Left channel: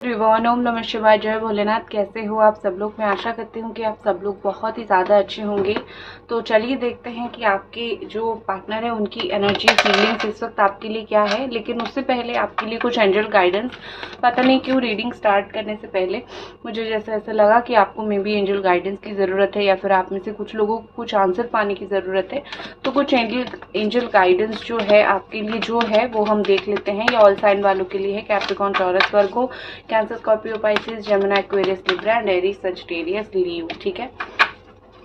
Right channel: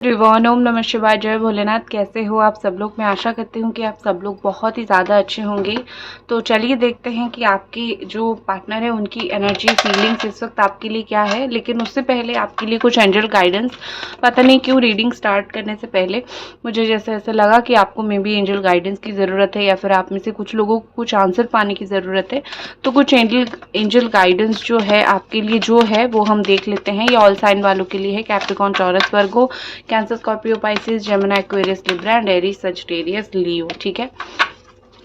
त्रिभुवन ओम नमः शिवाय। जय भोलेनाथ। कैसे हो आप सब लोग? मैं आशा करती हूँ कि आप सब लोग बहुत ही ज़्यादा अच्छे होंगे। तो चलिए देखते हैं कि आपके जो पार्टनर है उनकी एनर्जी फीलिंग्स इस वक्त आपके लिए क्या है। लेकिन उससे पहले आपके लिए कुछ एंजल गाइडेंस। पता नहीं क्यों रीडिंग स्टार्ट करने से पहले मुझे जैसे ऐसा लगा कि आपको मे बी एंजल गाइडेंस की ज़रूरत है, या फिर आप में से कुछ लोगों को कुछ आंसर पाने की ज़रूरत है। तो कुछ एंजल गाइडेंस जो है आपके लिए जो है वो हम देख लेते हैं। ये ऑल साइन वालों के लिए है, Capricorn, Taurus, Virgo, Cancer, Scorpio, Pisces, Gemini, Aquarius, Libra and Aries, Sagittarius, Leo. ठीक है,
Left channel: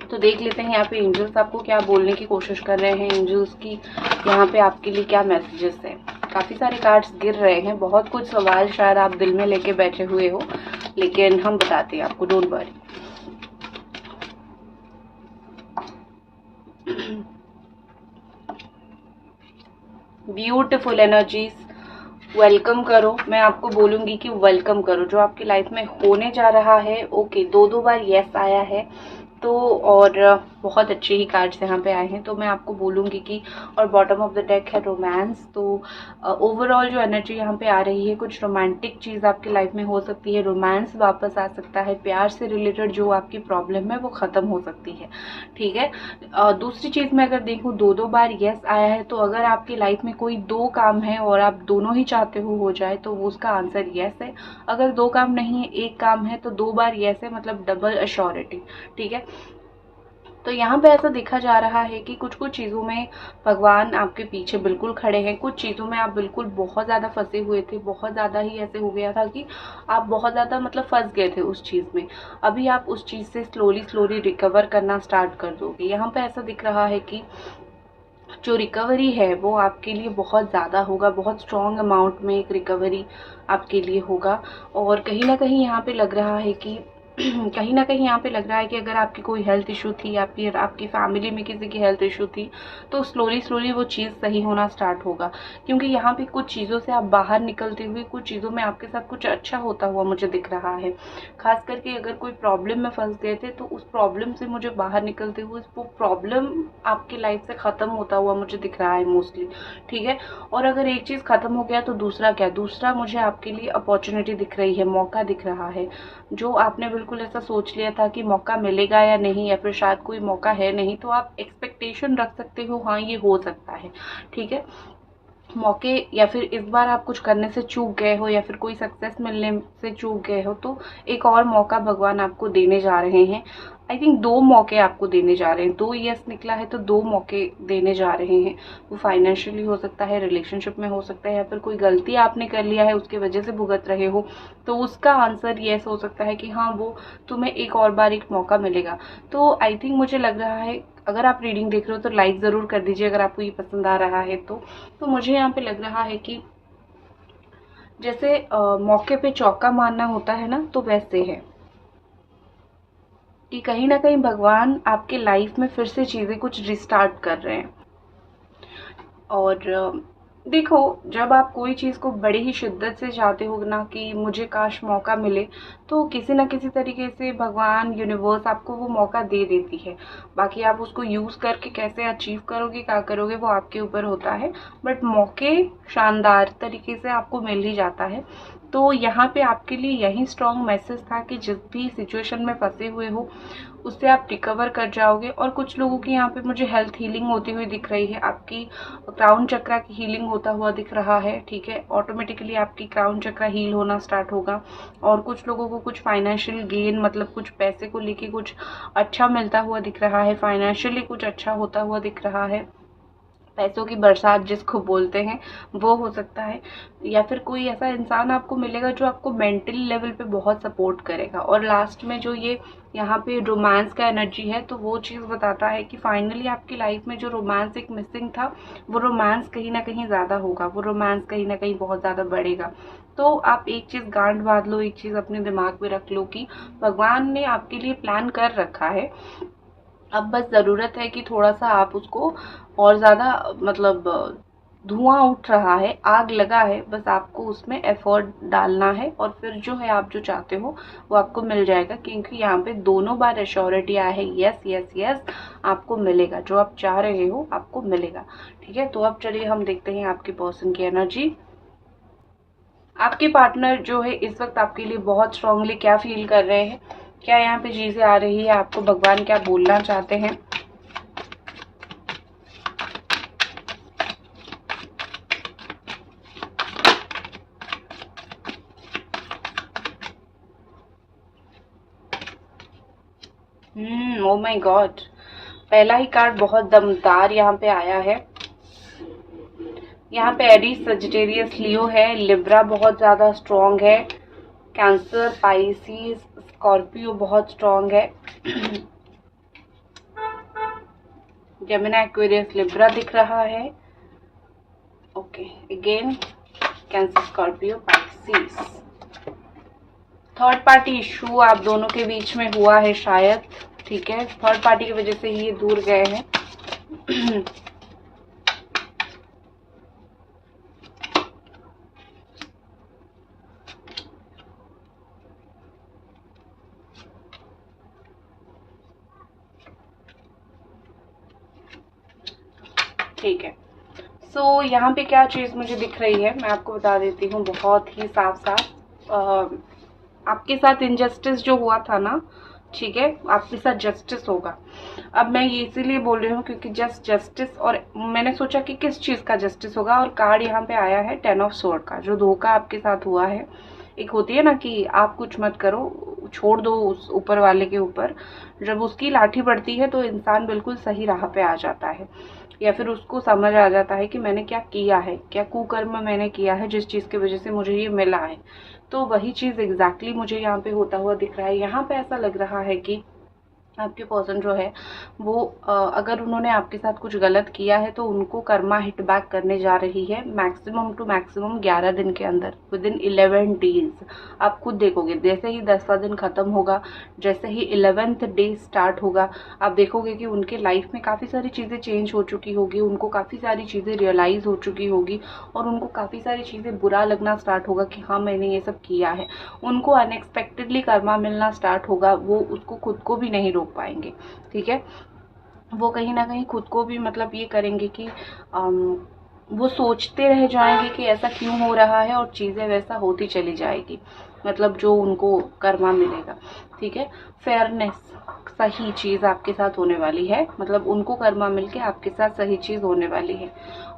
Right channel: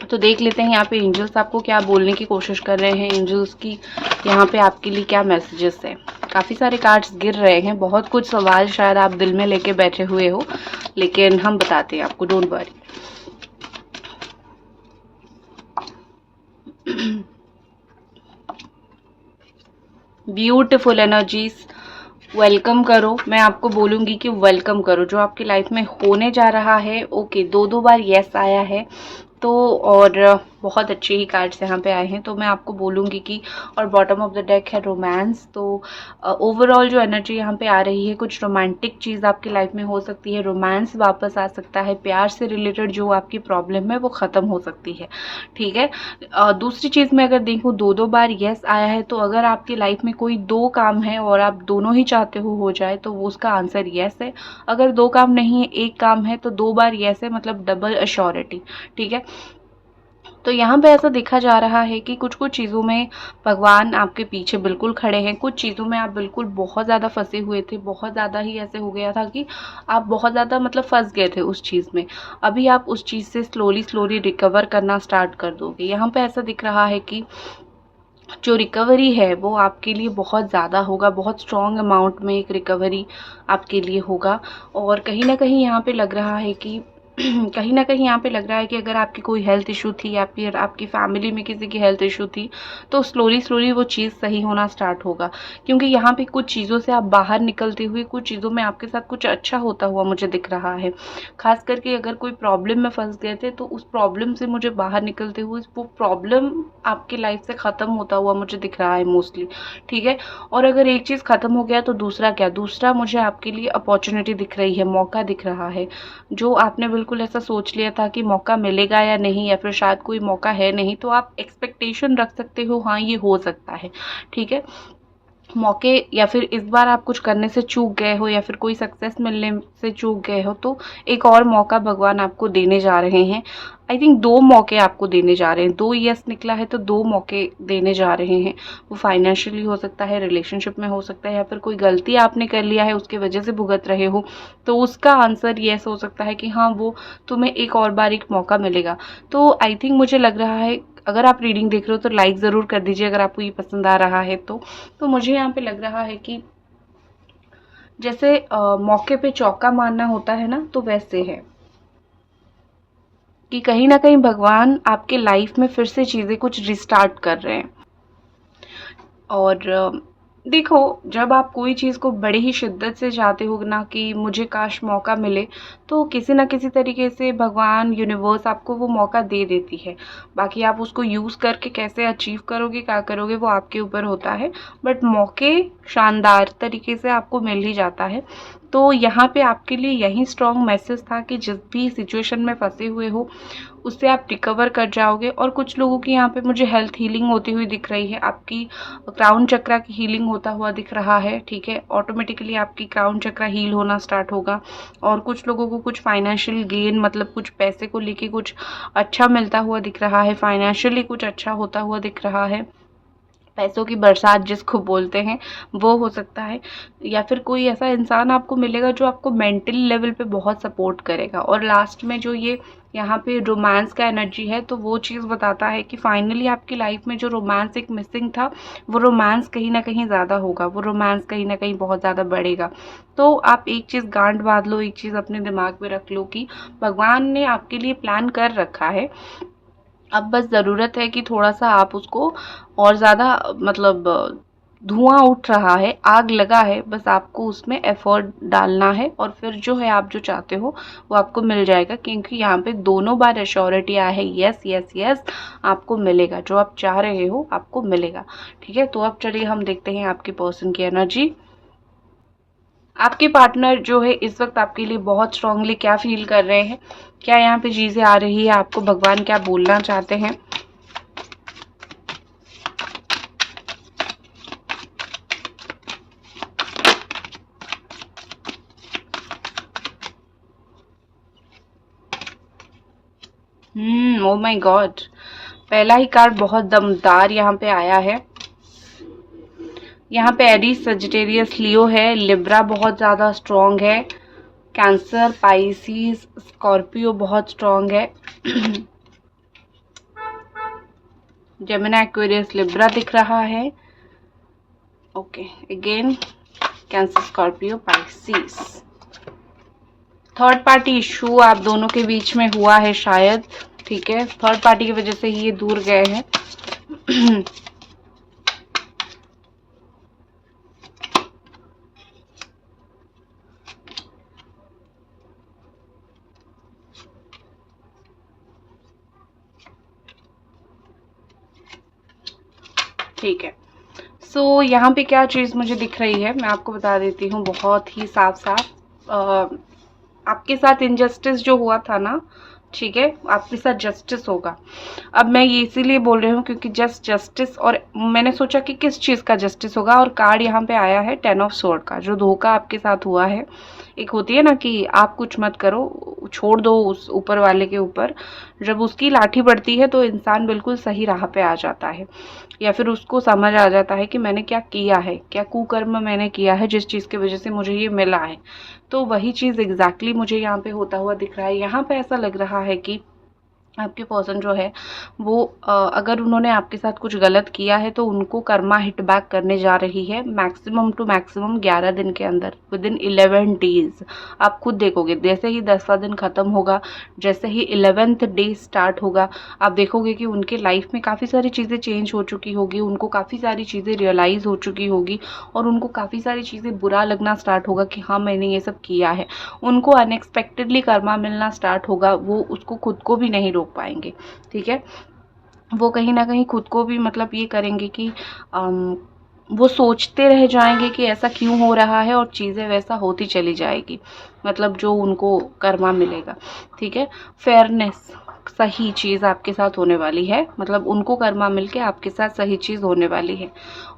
तो देख लेते हैं यहाँ पे एंजल्स आपको क्या बोलने की कोशिश कर रहे हैं। एंजल्स की यहाँ पे आपके लिए क्या मैसेजेस है। काफ़ी सारे कार्ड्स गिर रहे हैं, बहुत कुछ सवाल शायद आप दिल में लेके बैठे हुए हो, लेकिन हम बताते हैं आपको, don't worry. Beautiful energies, welcome करो। मैं आपको बोलूंगी कि वेलकम करो जो आपकी लाइफ में होने जा रहा है। ओके, दो बार यस आया है तो, और बहुत अच्छे ही कार्ड्स यहाँ पे आए हैं। तो मैं आपको बोलूँगी कि, और बॉटम ऑफ द डेक है रोमांस। तो ओवरऑल जो एनर्जी यहाँ पे आ रही है, कुछ रोमांटिक चीज़ आपकी लाइफ में हो सकती है, रोमांस वापस आ सकता है, प्यार से रिलेटेड जो आपकी प्रॉब्लम है वो ख़त्म हो सकती है। ठीक है, दूसरी चीज़ मैं अगर देखूँ, दो बार यस आया है, तो अगर आपकी लाइफ में कोई दो काम है और आप दोनों ही चाहते हो जाए तो वो उसका आंसर यस है। अगर दो काम नहीं है, एक काम है, तो दो बार यस है, मतलब डबल अश्योरिटी। ठीक है, तो यहाँ पे ऐसा देखा जा रहा है कि कुछ कुछ चीज़ों में भगवान आपके पीछे बिल्कुल खड़े हैं। कुछ चीज़ों में आप बिल्कुल बहुत ज़्यादा फंसे हुए थे, बहुत ज़्यादा ही ऐसे हो गया था कि आप बहुत ज़्यादा मतलब फंस गए थे उस चीज़ में। अभी आप उस चीज़ से स्लोली रिकवर करना स्टार्ट कर दोगे। यहाँ पे ऐसा दिख रहा है कि जो रिकवरी है वो आपके लिए बहुत ज़्यादा होगा, बहुत स्ट्रॉन्ग अमाउंट में एक रिकवरी आपके लिए होगा। और कहीं ना कहीं यहाँ पे लग रहा है कि कहीं ना कहीं यहाँ पे लग रहा है कि अगर आपकी कोई हेल्थ इशू थी या फिर आपकी फैमिली में किसी की हेल्थ इशू थी, तो स्लोली वो चीज़ सही होना स्टार्ट होगा। क्योंकि यहाँ पे कुछ चीज़ों से आप बाहर निकलते हुए, कुछ चीज़ों में आपके साथ कुछ अच्छा होता हुआ मुझे दिख रहा है। खास करके अगर कोई प्रॉब्लम में फंस गए थे तो उस प्रॉब्लम से मुझे बाहर निकलते हुए वो प्रॉब्लम आपकी लाइफ से ख़त्म होता हुआ मुझे दिख रहा है मोस्टली। ठीक है, और अगर एक चीज़ ख़त्म हो गया तो दूसरा क्या, दूसरा मुझे आपके लिए अपॉर्चुनिटी दिख रही है, मौका दिख रहा है। जो आपने बिल्कुल ऐसा सोच लिया था कि मौका मिलेगा या नहीं, या फिर शायद कोई मौका है नहीं, तो आप एक्सपेक्टेशन रख सकते हो, हाँ ये हो सकता है। ठीक है, मौके, या फिर इस बार आप कुछ करने से चूक गए हो, या फिर कोई सक्सेस मिलने से चूक गए हो, तो एक और मौका भगवान आपको देने जा रहे हैं। आई थिंक दो मौके आपको देने जा रहे हैं, दो यस निकला है तो दो मौके देने जा रहे हैं। वो फाइनेंशियली हो सकता है, रिलेशनशिप में हो सकता है, या फिर कोई गलती आपने कर लिया है उसकी वजह से भुगत रहे हो, तो उसका आंसर यस हो सकता है कि हाँ वो तुम्हें एक और बार एक मौका मिलेगा। तो आई थिंक मुझे लग रहा है, अगर आप रीडिंग देख रहे हो तो लाइक ज़रूर कर दीजिए अगर आपको ये पसंद आ रहा है तो मुझे यहाँ पे लग रहा है कि जैसे मौके पे चौका मारना होता है ना, तो वैसे है कि कहीं ना कहीं भगवान आपके लाइफ में फिर से चीज़ें कुछ रिस्टार्ट कर रहे हैं। और देखो, जब आप कोई चीज़ को बड़ी ही शिद्दत से चाहते हो ना कि मुझे काश मौका मिले, तो किसी ना किसी तरीके से भगवान, यूनिवर्स आपको वो मौका दे देती है। बाकी आप उसको यूज़ करके कैसे अचीव करोगे, क्या करोगे, वो आपके ऊपर होता है। बट मौके शानदार तरीके से आपको मिल ही जाता है। तो यहाँ पे आपके लिए यही स्ट्रॉन्ग मैसेज था कि जिस भी सिचुएशन में फंसे हुए हो उससे आप रिकवर कर जाओगे। और कुछ लोगों की यहाँ पे मुझे हेल्थ हीलिंग होती हुई दिख रही है, आपकी क्राउन चक्रा की हीलिंग होता हुआ दिख रहा है। ठीक है, ऑटोमेटिकली आपकी क्राउन चक्रा हील होना स्टार्ट होगा। और कुछ लोगों को कुछ फाइनेंशियल गेन, मतलब कुछ पैसे को लेके कुछ अच्छा मिलता हुआ दिख रहा है, फाइनेंशियली कुछ अच्छा होता हुआ दिख रहा है। पैसों की बरसात जिसको बोलते हैं वो हो सकता है, या फिर कोई ऐसा इंसान आपको मिलेगा जो आपको मेंटल लेवल पे बहुत सपोर्ट करेगा। और लास्ट में जो ये यहाँ पे रोमांस का एनर्जी है, तो वो चीज़ बताता है कि फाइनली आपकी लाइफ में जो रोमांस एक मिसिंग था, वो रोमांस कहीं ना कहीं ज़्यादा होगा, वो रोमांस कहीं ना कहीं बहुत ज़्यादा बढ़ेगा। तो आप एक चीज़ गांठ बांध लो, एक चीज़ अपने दिमाग में रख लो कि भगवान ने आपके लिए प्लान कर रखा है। अब बस ज़रूरत है कि थोड़ा-सा आप उसको और ज़्यादा, मतलब धुआँ उठ रहा है, आग लगा है, बस आपको उसमें एफ़र्ट डालना है और फिर जो है आप जो चाहते हो वो आपको मिल जाएगा। क्योंकि यहाँ पे दोनों बार एश्योरिटी आया है, यस यस यस आपको मिलेगा, जो आप चाह रहे हो आपको मिलेगा। ठीक है, तो अब चलिए हम देखते हैं आपके पर्सन की एनर्जी। आपके पार्टनर जो है इस वक्त आपके लिए बहुत स्ट्रांगली क्या फील कर रहे हैं, क्या यहाँ पे चीजें आ रही है, आपको भगवान क्या बोलना चाहते हैं। ओ माय गॉड, पहला ही कार्ड बहुत दमदार यहाँ पे आया है। यहाँ पे एरीज, सजिटेरियस, लियो है, लिब्रा बहुत ज्यादा स्ट्रांग है, कैंसर, पाइसिस, स्कॉर्पियो बहुत स्ट्रांग है, जेमिनी, एक्वेरियस, लिब्रा दिख रहा है। Okay, again cancer, Scorpio, Pisces. Third party issue आप दोनों के बीच में हुआ है शायद, ठीक है, थर्ड पार्टी की वजह से ही ये दूर गए हैं। ठीक है, सो यहाँ पे क्या चीज़ मुझे दिख रही है मैं आपको बता देती हूँ बहुत ही साफ साफ। आपके साथ इनजस्टिस जो हुआ था ना, ठीक है, आपके साथ जस्टिस होगा। अब मैं ये इसीलिए बोल रही हूँ क्योंकि जस्टिस, और मैंने सोचा कि किस चीज़ का जस्टिस होगा, और कार्ड यहाँ पे आया है 10 ऑफ स्वॉर्ड का। जो धोखा आपके साथ हुआ है, एक होती है ना कि आप कुछ मत करो, छोड़ दो उस ऊपर वाले के ऊपर, जब उसकी लाठी पड़ती है तो इंसान बिल्कुल सही राह पे आ जाता है, या फिर उसको समझ आ जाता है कि मैंने क्या किया है, क्या कुकर्म मैंने किया है जिस चीज़ की वजह से मुझे ये मिला है। तो वही चीज़ एग्जैक्टली मुझे यहाँ पे होता हुआ दिख रहा है। यहाँ पे ऐसा लग रहा है कि आपके पर्सन जो है वो अगर उन्होंने आपके साथ कुछ गलत किया है तो उनको कर्मा हिट बैक करने जा रही है मैक्सिमम टू मैक्सिमम 11 दिन के अंदर, विद इन 11 डेज। आप खुद देखोगे जैसे ही 10वां दिन खत्म होगा, जैसे ही 11th डे स्टार्ट होगा, आप देखोगे कि उनके लाइफ में काफ़ी सारी चीज़ें चेंज हो चुकी होगी, उनको काफ़ी सारी चीज़ें रियलाइज़ हो चुकी होगी, और उनको काफ़ी सारी चीज़ें बुरा लगना स्टार्ट होगा कि हाँ मैंने ये सब किया है। उनको अनएक्सपेक्टेडली कर्मा मिलना स्टार्ट होगा, वो उसको खुद को भी नहीं रोक पाएंगे, ठीक है। वो कहीं ना कहीं खुद को भी मतलब ये करेंगे कि वो सोचते रह जाएंगे कि ऐसा क्यों हो रहा है, और चीज़ें वैसा होती चली जाएगी, मतलब जो उनको कर्मा मिलेगा, ठीक है। फेयरनेस, सही चीज़ आपके साथ होने वाली है, मतलब उनको कर्मा मिलके आपके साथ सही चीज़ होने वाली है,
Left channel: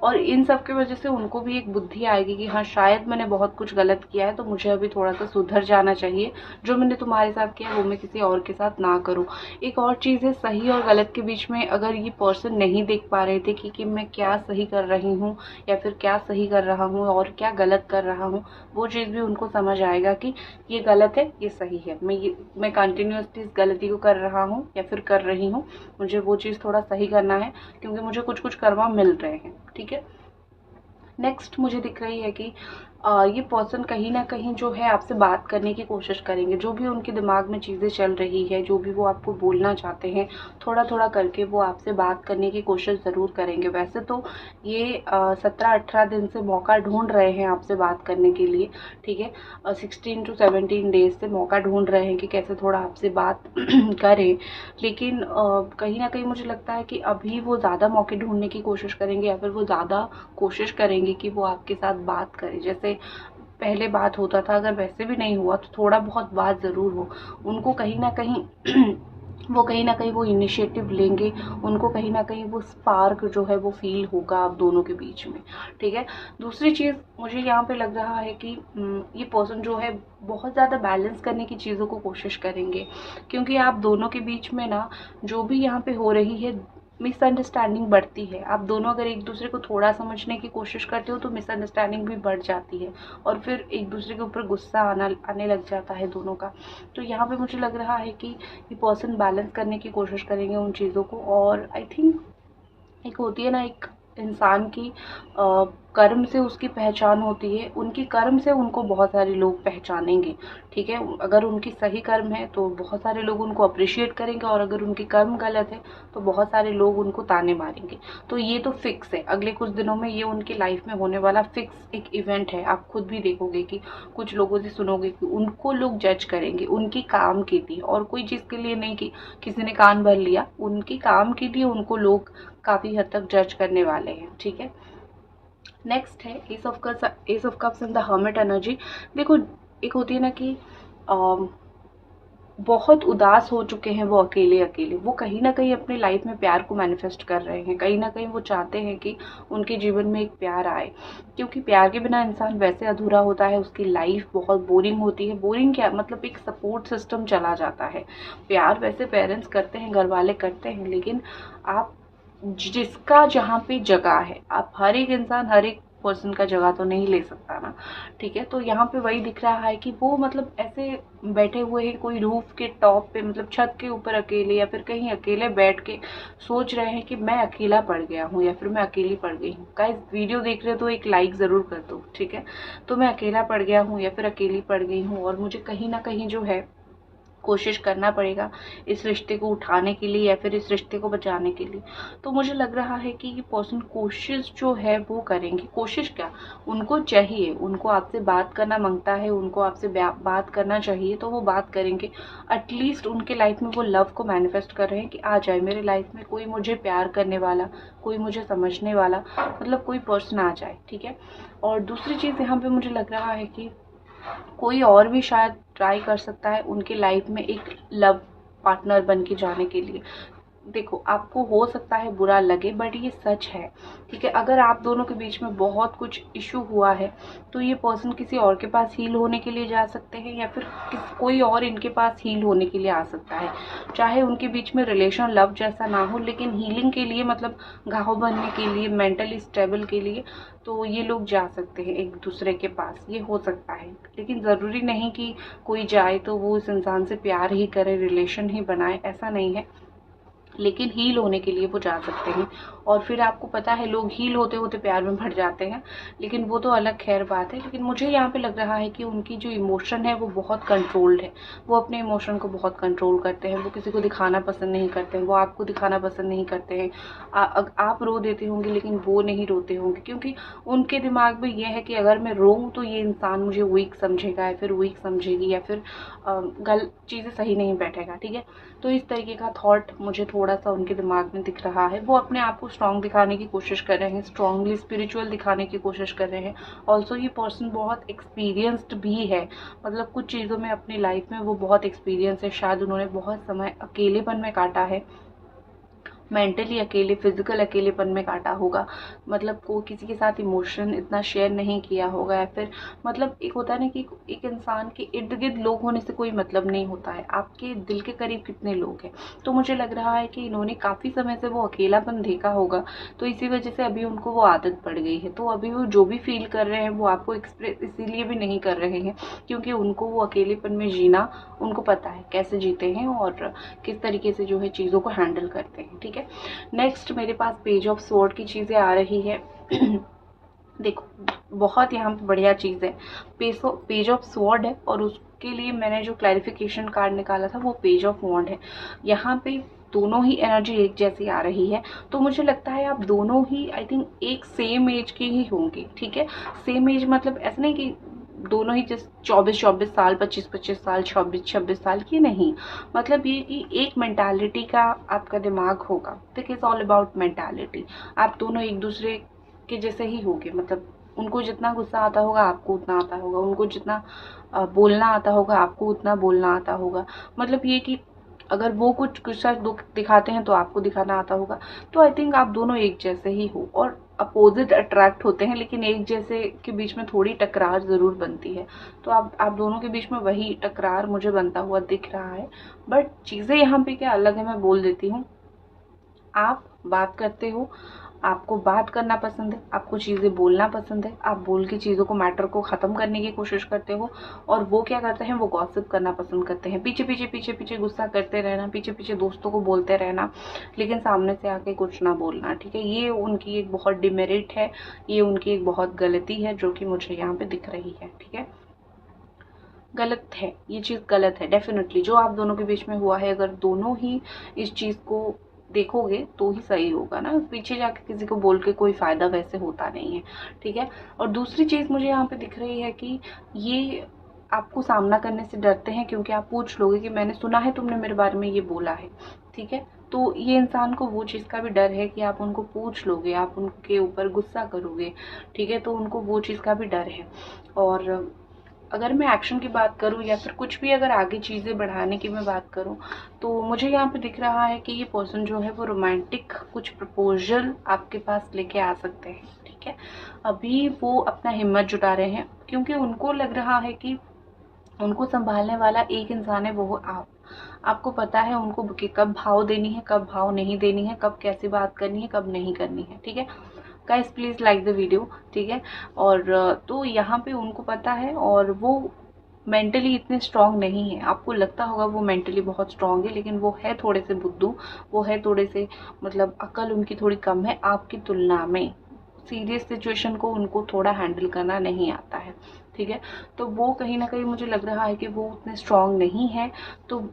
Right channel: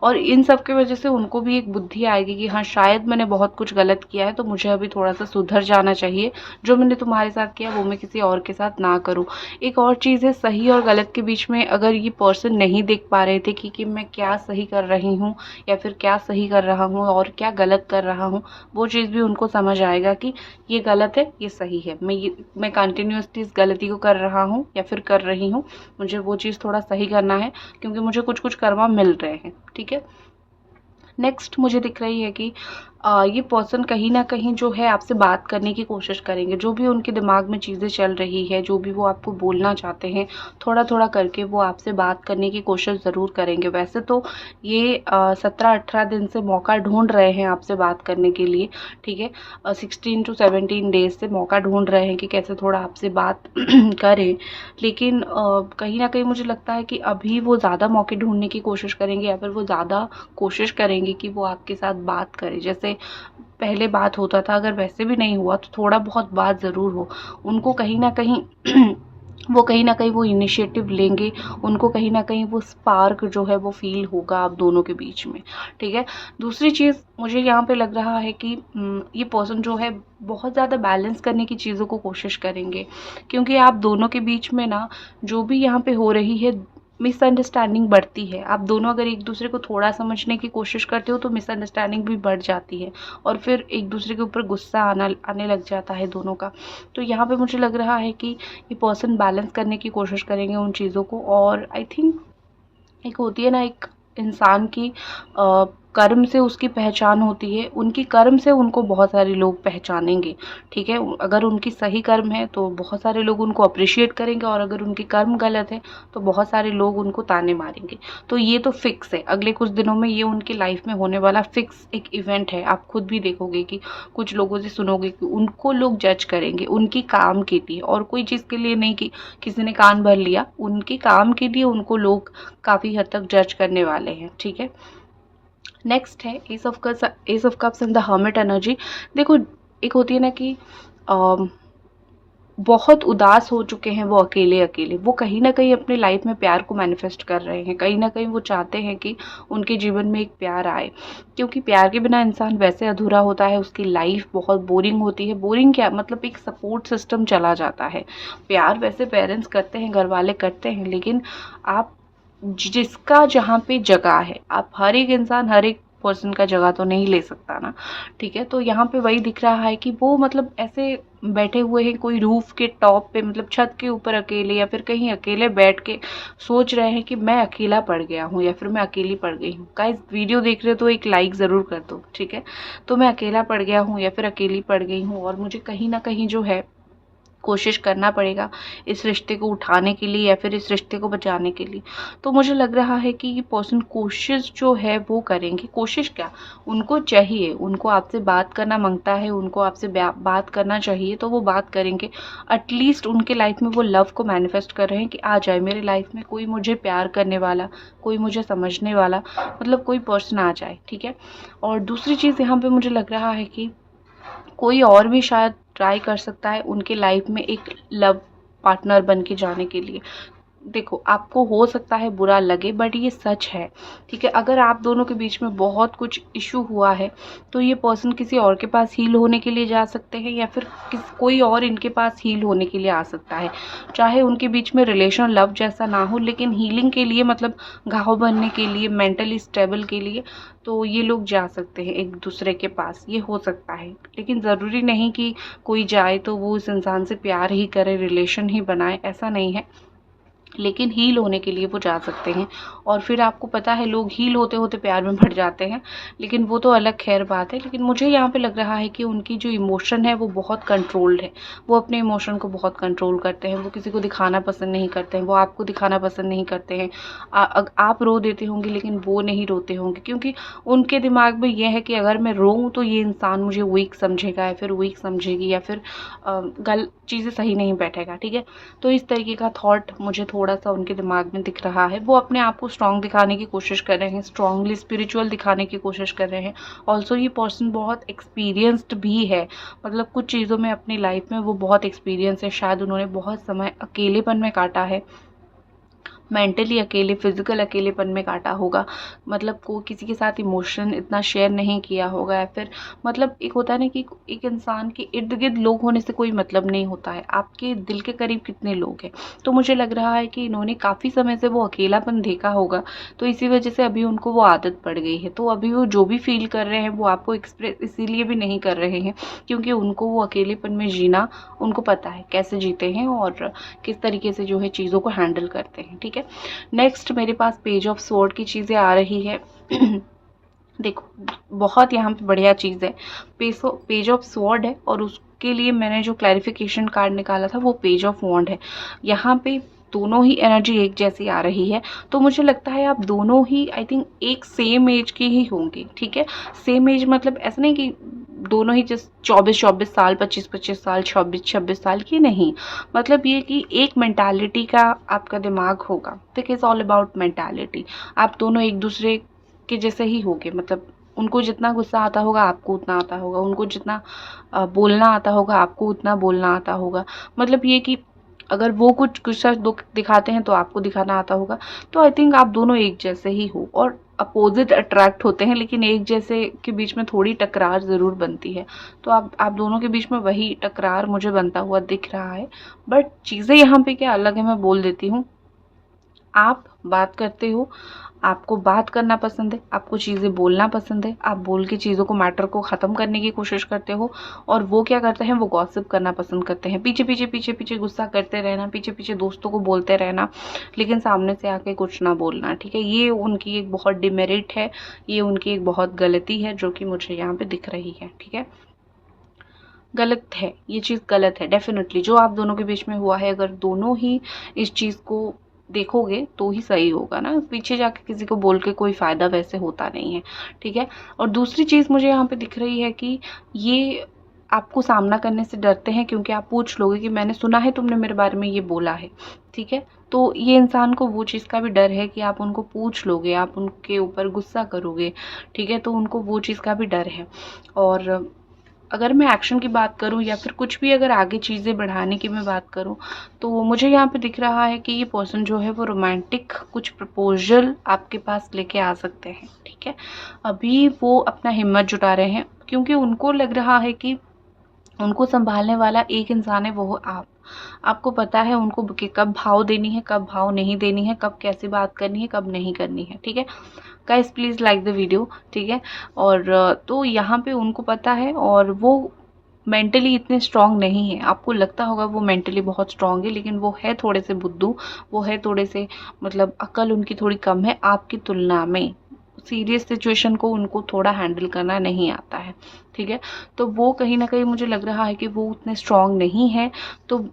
और इन सब की वजह से उनको भी एक बुद्धि आएगी कि हाँ शायद मैंने बहुत कुछ गलत किया है, तो मुझे अभी थोड़ा सा सुधर जाना चाहिए, जो मैंने तुम्हारे साथ किया वो मैं किसी और के साथ ना करूँ। एक और चीज़ है, सही और गलत के बीच में अगर ये पर्सन नहीं देख पा रहे थे कि मैं क्या सही कर रही हूँ या फिर क्या सही कर रहा हूँ और क्या गलत कर रहा हूँ, वो चीज़ भी उनको समझ आएगा कि ये गलत है ये सही है, मैं कंटिन्यूसली इस गलती को कर रहा हूँ या फिर कर रही हूँ, मुझे वो चीज़ थोड़ा सही करना है क्योंकि मुझे कुछ कुछ कर्मा मिल रहे हैं, ठीक है। नेक्स्ट मुझे दिख रही है कि ये पर्सन कहीं ना कहीं जो है आपसे बात करने की कोशिश करेंगे, जो भी उनके दिमाग में चीज़ें चल रही है, जो भी वो आपको बोलना चाहते हैं, थोड़ा थोड़ा करके वो आपसे बात करने की कोशिश ज़रूर करेंगे। वैसे तो ये 17-18 दिन से मौका ढूंढ रहे हैं आपसे बात करने के लिए, ठीक है, 16 to 17 डेज से मौका ढूंढ रहे हैं कि कैसे थोड़ा आपसे बात करें, लेकिन कहीं ना कहीं मुझे लगता है कि अभी वो ज़्यादा मौके ढूंढने की कोशिश करेंगे, या फिर वो ज़्यादा कोशिश करेंगे कि वो आपके साथ बात करें, जैसे पहले बात होता था, अगर वैसे भी नहीं हुआ तो थोड़ा बहुत बात ज़रूर हो। उनको कहीं ना कहीं वो इनिशिएटिव लेंगे, उनको कहीं ना कहीं वो स्पार्क जो है वो फील होगा आप दोनों के बीच में, ठीक है। दूसरी चीज़ मुझे यहाँ पे लग रहा है कि ये पर्सन जो है बहुत ज़्यादा बैलेंस करने की चीज़ों को कोशिश करेंगे, क्योंकि आप दोनों के बीच में ना जो भी यहाँ पे हो रही है मिसअंडरस्टैंडिंग बढ़ती है। आप दोनों अगर एक दूसरे को थोड़ा समझने की कोशिश करते हो तो मिसअंडरस्टैंडिंग भी बढ़ जाती है, और फिर एक दूसरे के ऊपर गुस्सा आने लग जाता है दोनों का। तो यहाँ पे मुझे लग रहा है कि ये पर्सन बैलेंस करने की कोशिश करेंगे उन चीज़ों को, और आई थिंक एक होती है ना, एक इंसान की कर्म से उसकी पहचान होती है, उनकी कर्म से उनको बहुत सारे लोग पहचानेंगे, ठीक है। अगर उनकी सही कर्म है तो बहुत सारे लोग उनको अप्रिशिएट करेंगे, और अगर उनकी कर्म गलत है तो बहुत सारे लोग उनको ताने मारेंगे। तो ये तो फिक्स है, अगले कुछ दिनों में ये उनकी लाइफ में होने वाला फिक्स एक इवेंट है। आप खुद भी देखोगे कि कुछ लोगों से सुनोगे कि उनको लोग जज करेंगे उनकी काम के लिए, और कोई चीज़ के लिए नहीं कि किसी ने कान भर लिया, उनके काम के लिए उनको लोग काफ़ी हद तक जज करने वाले हैं, ठीक है। नेक्स्ट है S of cups and the hermit energy. देखो, एक होती है ना कि बहुत उदास हो चुके हैं वो अकेले अकेले, वो कहीं ना कहीं अपनी लाइफ में प्यार को मैनिफेस्ट कर रहे हैं, कहीं ना कहीं वो चाहते हैं कि उनके जीवन में एक प्यार आए, क्योंकि प्यार के बिना इंसान वैसे अधूरा होता है, उसकी लाइफ बहुत बोरिंग होती है। बोरिंग क्या मतलब, एक सपोर्ट सिस्टम चला जाता है। प्यार वैसे पेरेंट्स करते हैं, घर वाले करते हैं, लेकिन आप जिसका जहाँ पे जगह है, आप हर एक इंसान हर एक पर्सन का जगह तो नहीं ले सकता ना, ठीक है। तो यहाँ पे वही दिख रहा है कि वो मतलब ऐसे बैठे हुए हैं कोई रूफ के टॉप पे, मतलब छत के ऊपर अकेले, या फिर कहीं अकेले बैठ के सोच रहे हैं कि मैं अकेला पड़ गया हूँ या फिर मैं अकेली पड़ गई हूँ। गाइस, वीडियो देख रहे हो तो एक लाइक ज़रूर कर दो, ठीक है। तो मैं अकेला पड़ गया हूँ या फिर अकेली पड़ गई हूँ, और मुझे कहीं ना कहीं जो है कोशिश करना पड़ेगा इस रिश्ते को उठाने के लिए या फिर इस रिश्ते को बचाने के लिए। तो मुझे लग रहा है कि ये पर्सन कोशिश जो है वो करेंगे। कोशिश क्या, उनको चाहिए, उनको आपसे बात करना मांगता है, उनको आपसे बात करना चाहिए, तो वो बात करेंगे। एटलीस्ट उनके लाइफ में वो लव को मैनिफेस्ट कर रहे हैं कि आ जाए मेरे लाइफ में कोई मुझे प्यार करने वाला, कोई मुझे समझने वाला, मतलब कोई पर्सन आ जाए, ठीक है। और दूसरी चीज़ यहाँ पे मुझे लग रहा है कि कोई और भी शायद ट्राई कर सकता है उनके लाइफ में एक लव पार्टनर बन के जाने के लिए। देखो, आपको हो सकता है बुरा लगे, बट ये सच है, ठीक है। अगर आप दोनों के बीच में बहुत कुछ इशू हुआ है, तो ये पर्सन किसी और के पास हील होने के लिए जा सकते हैं, या फिर कोई और इनके पास हील होने के लिए आ सकता है। चाहे उनके बीच में रिलेशन लव जैसा ना हो, लेकिन हीलिंग के लिए, मतलब घाव बनने के लिए, मेंटली स्टेबल के लिए, तो ये लोग जा सकते हैं एक दूसरे के पास, ये हो सकता है। लेकिन ज़रूरी नहीं कि कोई जाए तो वो उस इंसान से प्यार ही करे, रिलेशन ही बनाए, ऐसा नहीं है। लेकिन हील होने के लिए वो जा सकते हैं। और फिर आपको पता है, लोग हील होते होते प्यार में बढ़ जाते हैं, लेकिन वो तो अलग खैर बात है। लेकिन मुझे यहाँ पे लग रहा है कि उनकी जो इमोशन है वो बहुत कंट्रोल्ड है, वो अपने इमोशन को बहुत कंट्रोल करते हैं, वो किसी को दिखाना पसंद नहीं करते हैं, वो आपको दिखाना पसंद नहीं करते हैं। आप रो देते होंगे लेकिन वो नहीं रोते होंगे, क्योंकि उनके दिमाग में ये है कि अगर मैं रोऊँ तो ये इंसान मुझे वीक समझेगा या फिर वीक समझेगी, या फिर गलत चीज़ें सही नहीं बैठेगा, ठीक है। तो इस तरीके का थॉट मुझे थोड़ा सा उनके दिमाग में दिख रहा है। वो अपने आप को स्ट्रॉन्ग दिखाने की कोशिश कर रहे हैं, स्ट्रॉन्गली स्पिरिचुअल दिखाने की कोशिश कर रहे हैं। ऑल्सो ये पर्सन बहुत एक्सपीरियंस्ड भी है, मतलब कुछ चीज़ों में अपनी लाइफ में वो बहुत एक्सपीरियंस है। शायद उन्होंने बहुत समय अकेलेपन में काटा है, मेंटली अकेले, फिजिकल अकेलेपन में काटा होगा, मतलब को किसी के साथ इमोशन इतना शेयर नहीं किया होगा, या फिर मतलब एक होता है ना कि एक इंसान के इर्द गिर्द लोग होने से कोई मतलब नहीं होता है, आपके दिल के करीब कितने लोग हैं। तो मुझे लग रहा है कि इन्होंने काफ़ी समय से वो अकेलापन देखा होगा, तो इसी वजह से अभी उनको वो आदत पड़ गई है। तो अभी वो जो भी फील कर रहे हैं वो आपको एक्सप्रेस इसीलिए भी नहीं कर रहे हैं क्योंकि उनको वो अकेलेपन में जीना, उनको पता है कैसे जीते हैं और किस तरीके से जो है चीज़ों को हैंडल करते हैं, ठीक है। नेक्स्ट मेरे पास पेज ऑफ स्वॉर्ड की चीज़ें आ रही है। देखो, बहुत यहाँ पे बढ़िया चीज़ है, पेज ऑफ स्वॉर्ड है, और उसके लिए मैंने जो क्लैरिफिकेशन कार्ड निकाला था वो पेज ऑफ वॉन्ड है। यहाँ पे दोनों ही एनर्जी एक जैसी आ रही है, तो मुझे लगता है आप दोनों ही आई थिंक एक सेम एज के ही होंगे, ठीक है। सेम एज मतलब ऐसा नहीं कि दोनों ही जस्ट 24-24 साल, 25-25 साल, 26-26 साल की नहीं, मतलब ये कि एक मेंटालिटी का आपका दिमाग होगा। Think is all about mentality. आप दोनों एक दूसरे के जैसे ही होगे, मतलब उनको जितना गुस्सा आता होगा आपको उतना आता होगा, उनको जितना बोलना आता होगा आपको उतना बोलना आता होगा। मतलब ये कि अगर वो कुछ गुस्सा दिखाते हैं तो आपको दिखाना आता होगा। तो आई थिंक आप दोनों एक जैसे ही हो, और अपोजिट अट्रैक्ट होते हैं, लेकिन एक जैसे के बीच में थोड़ी टकरार ज़रूर बनती है। तो आप दोनों के बीच में वही टकरार मुझे बनता हुआ दिख रहा है। बट चीज़ें यहाँ पे क्या अलग है, मैं बोल देती हूँ। आप बात करते हो, आपको बात करना पसंद है, आपको चीज़ें बोलना पसंद है, आप बोल के चीज़ों को, मैटर को ख़त्म करने की कोशिश करते हो, और वो क्या करते हैं, वो गॉसिप करना पसंद करते हैं, पीछे पीछे पीछे पीछे गुस्सा करते रहना, पीछे पीछे दोस्तों को बोलते रहना, लेकिन सामने से आके कुछ ना बोलना, ठीक है। ये उनकी एक बहुत डिमेरिट है, ये उनकी एक बहुत गलती है जो कि मुझे यहाँ पे दिख रही है, ठीक है। गलत है, ये चीज़ गलत है डेफिनेटली। जो आप दोनों के बीच में हुआ है, अगर दोनों ही इस चीज़ को देखोगे तो ही सही होगा ना, पीछे जाके किसी को बोल के कोई फ़ायदा वैसे होता नहीं है, ठीक है। और दूसरी चीज़ मुझे यहाँ पे दिख रही है कि ये आपको सामना करने से डरते हैं, क्योंकि आप पूछ लोगे कि मैंने सुना है तुमने मेरे बारे में ये बोला है, ठीक है। तो ये इंसान को वो चीज़ का भी डर है कि आप उनको पूछ लोगे, आप उनके ऊपर गुस्सा करोगे, ठीक है। तो उनको वो चीज़ का भी डर है। और अगर मैं एक्शन की बात करूँ या फिर कुछ भी अगर आगे चीज़ें बढ़ाने की मैं बात करूँ, तो मुझे यहाँ पे दिख रहा है कि ये पर्सन जो है वो रोमांटिक कुछ प्रपोजल आपके पास लेके आ सकते हैं, ठीक है। अभी वो अपना हिम्मत जुटा रहे हैं, क्योंकि उनको लग रहा है कि उनको संभालने वाला एक इंसान है, वो हो आप। आपको पता है उनको कि कब भाव देनी है, कब भाव नहीं देनी है, कब कैसे बात करनी है, कब नहीं करनी है, ठीक है। Guys please like the video, ठीक है। और तो यहाँ पे उनको पता है, और वो मेंटली इतने स्ट्रांग नहीं है। आपको लगता होगा वो मेंटली बहुत स्ट्रांग है, लेकिन वो है थोड़े से बुद्धू, वो है थोड़े से, मतलब अकल उनकी थोड़ी कम है आपकी तुलना में। सीरियस सिचुएशन को उनको थोड़ा हैंडल करना नहीं आता है, ठीक है। तो वो कहीं ना कहीं मुझे लग रहा है कि वो उतने स्ट्रांग नहीं है, तो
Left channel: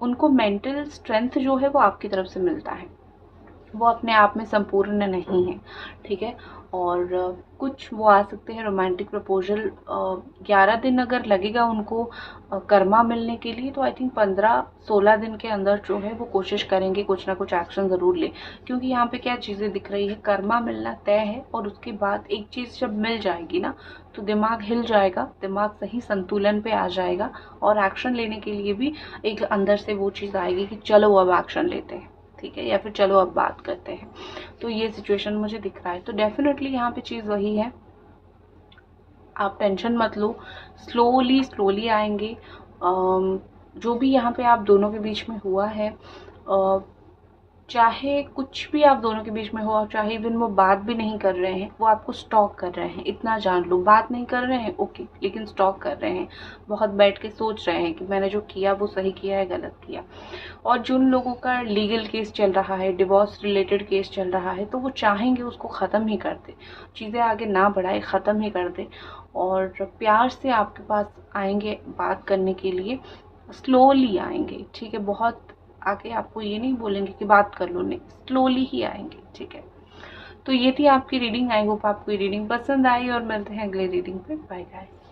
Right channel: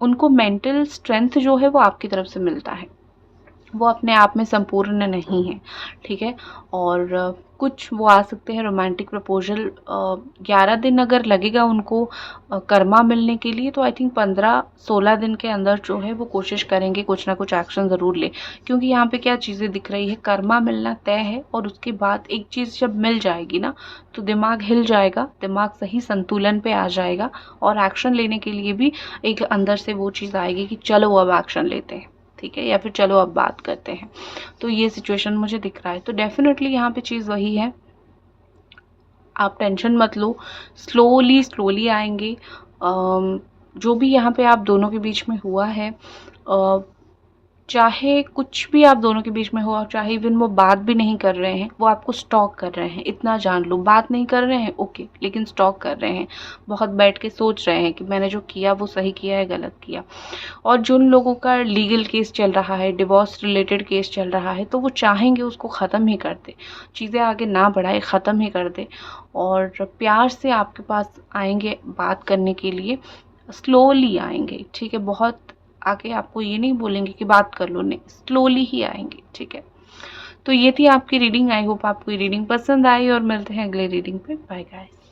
उनको मेंटल स्ट्रेंथ जो है वो आपकी तरफ से मिलता है। वो अपने आप में संपूर्ण नहीं है, ठीक है। और कुछ वो आ सकते हैं रोमांटिक प्रपोजल। 11 दिन अगर लगेगा उनको कर्मा मिलने के लिए, तो आई थिंक 15-16 दिन के अंदर जो है वो कोशिश करेंगे कुछ ना कुछ एक्शन ज़रूर ले। क्योंकि यहाँ पे क्या चीज़ें दिख रही है, कर्मा मिलना तय है, और उसके बाद एक चीज़ जब मिल जाएगी ना, तो दिमाग हिल जाएगा, दिमाग सही संतुलन पे आ जाएगा, और एक्शन लेने के लिए भी एक अंदर से वो चीज़ आएगी कि चलो अब एक्शन लेते हैं, ठीक है, या फिर चलो अब बात करते हैं। तो ये सिचुएशन मुझे दिख रहा है। तो डेफिनेटली यहाँ पे चीज़ वही है, आप टेंशन मत लो, स्लोली स्लोली आएंगे। जो भी यहाँ पे आप दोनों के बीच में हुआ है, चाहे कुछ भी आप दोनों के बीच में हुआ, चाहे इवन वो बात भी नहीं कर रहे हैं, वो आपको स्टॉक कर रहे हैं, इतना जान लो। बात नहीं कर रहे हैं ओके, लेकिन स्टॉक कर रहे हैं, बहुत बैठ के सोच रहे हैं कि मैंने जो किया वो सही किया है गलत किया। और जिन लोगों का लीगल केस चल रहा है, डिवोर्स रिलेटेड केस चल रहा है, तो वो चाहेंगे उसको ख़त्म ही कर दे, चीज़ें आगे ना बढ़ाए, ख़त्म ही कर दे, और प्यार से आपके पास आएंगे बात करने के लिए, स्लोली आएंगे, ठीक है। बहुत आके आपको ये नहीं बोलेंगे कि बात कर लो, नहीं, स्लोली ही आएंगे, ठीक है। तो ये थी आपकी रीडिंग। आई होप आपको ये रीडिंग पसंद आई, और मिलते हैं अगले रीडिंग पे। Bye guys.